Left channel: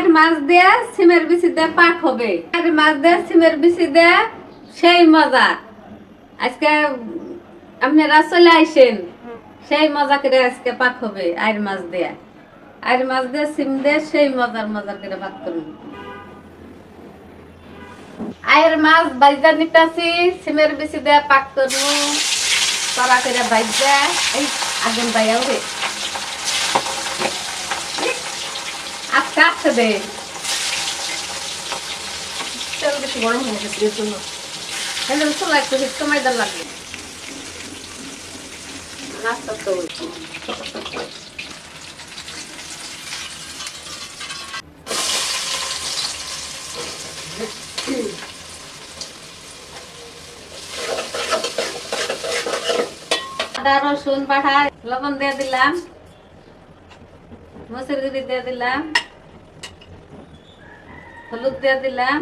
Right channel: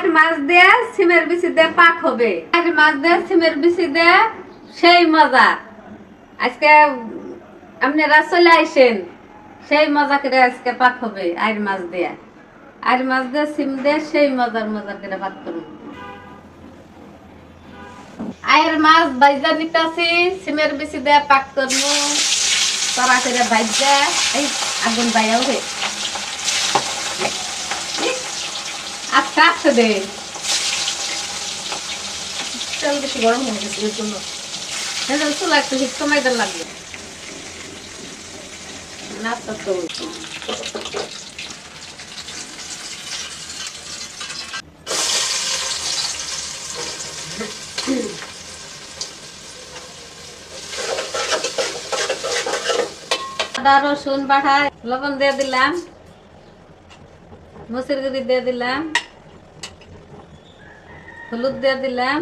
আর মাছ দিয়ে সিমের বিচি দিয়ে পাক হবে। আর মাছ দিয়ে সিমের বিচি দিয়ে সেই মজা। আজকে আপনারা চলে আইসেন, সেই মজা করে আজকে পাক হবে। আর মাছ দিয়ে সিম দিয়ে সেই মজার করে ভাত করব। আয়ের মাছ বাইজা নিতাছি, সিমের বিচি দিয়ে পাক করবো। তারা করে বাইজা এই আগুন বাইয়াও রে আজকে আসতে দে। তেল বেশি গরম হয়ে গেছে এর জন্য। চুলা একটু সময় দেওয়া লাগবে। নাস্তা তো আদা রসুন বাটা লবণ দিয়ে দিলাম, মসুর গুঁড়ি দিয়ে দিলাম, হলুদ দিয়ে দিলাম,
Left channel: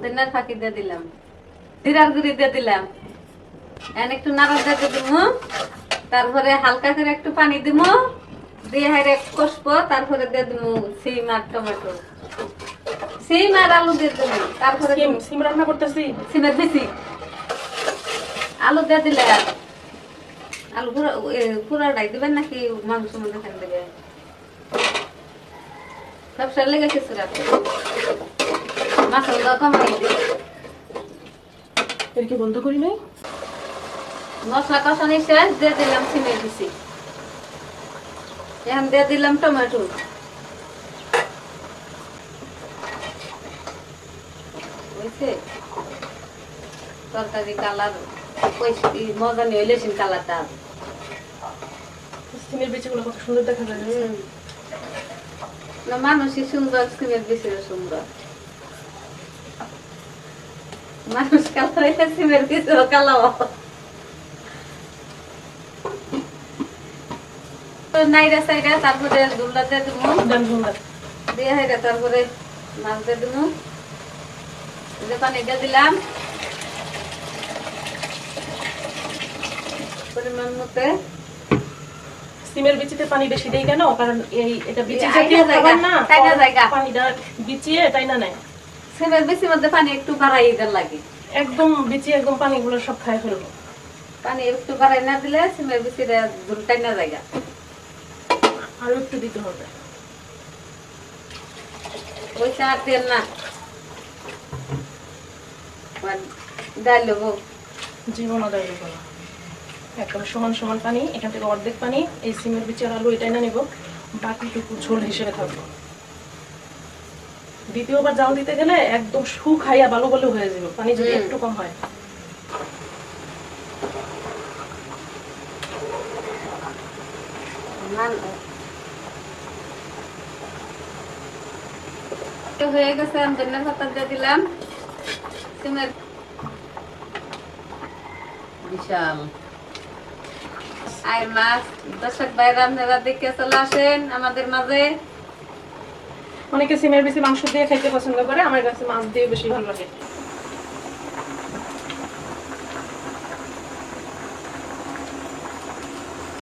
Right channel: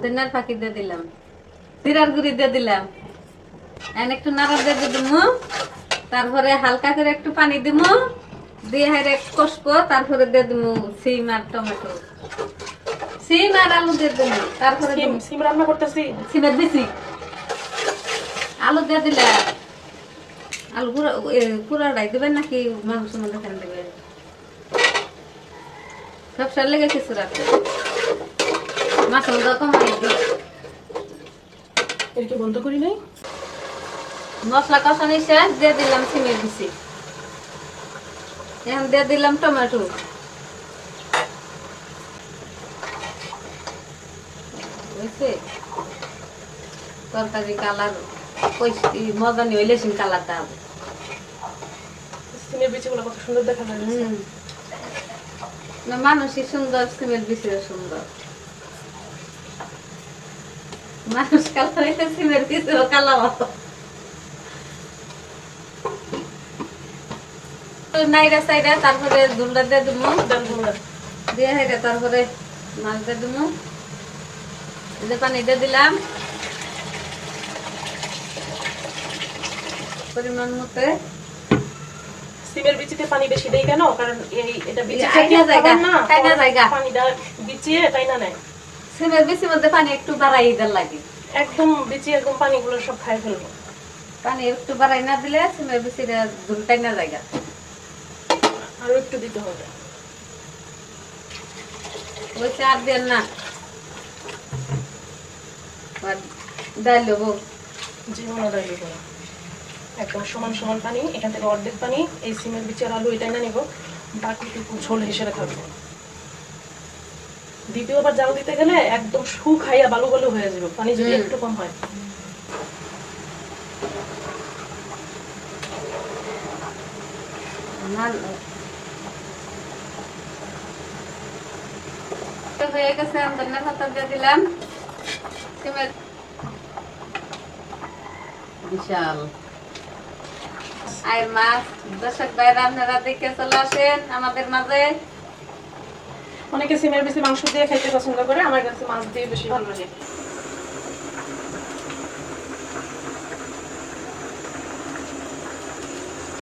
ধনিয়ার ফাঁকি দিয়ে দিলাম, জিরার গুঁড়ি দিয়ে দিলাম। একটু নাড়া দিয়ে দিব, তারপরে হালকা করে একটু পানি দিব, দিয়ে হেরে কষবো। তারপরে দিয়ে দিব সিম আর টমেটো, সিম আর আলু দিয়ে দেবো। তারপরে সিম রান্না করতেছি, সিমের বেশি আলু দিয়ে দিলে আলু পুরাটাই দেবেন নাকি মাংস মধ্যে খান দেবেন? সবসার লেগে কিছু রাখবে, মশলা কমাই এর কি বন্ধ করি নাই। মশলা কষানি শেষ, দিয়ে দিলাম সিমের বিচি, এখন দিয়ে দিলাম টমেটো। বুঝছে তরকারি কালার মজা নিয়ে হইলে সিম কালারটা হবে। সিমের বিচিগুলো কত সুন্দর দেখা যায়। মানুষই সুন্দর, সিমের বিচিও সুন্দর। মানুষ কালো হইলে সিমের বিচিও কালো। নাইরা সাইরা তারপরে দুলটা দিয়ে দিব, দিয়ে হেঁটে তারপরে মাছ দিয়ে দিব। পানি দিয়ে দিলাম পরিমাণ মতো। সিমের বিচিতে পানি বেশি দেই কেন? কারণ এটা বিচি পানিটা বিচিয়ে তাই না নেয়। সিমের বিচির মধ্যে পানি একটু বাড়াই দিতে লাগে, একদম বিচি একদম পানিগুলো সব খাই ফেলবো। পানি একটু বাড়াই না দিলে সিমের বিচিটা ঝুলটাই না জায়গা। আরো একটু দিতে হবে। ওই চার দেন না ডাল দেবো, জীবনও ডালি করো একদম সমান সমান পানি। এখান থেকে অর্ধেক পানি এই সিমের বিচি আর আলু এটাই না নিব, বাকিটুকু ঝোল হিসেবে থাকবো। দ্বিতীয়বার জাল দিতে গেলে একদম শুকাইয়া বালু বালু হয়ে যাবে পানি যদি একটু কম হয়। হয়ে গেছে, ধনিয়া পাতা দিয়ে দিলাম। সিমের বিশাল আর মাছ। দর্শক ভাইরা আপনারা দেখে চলে আসেন আমাদের মাঝে। অনেকে সিমের বেশি মাংস দিয়ে খাইতে পছন্দ করে, আমার কাছে মাছ দিয়ে বেশি ভালো লাগে।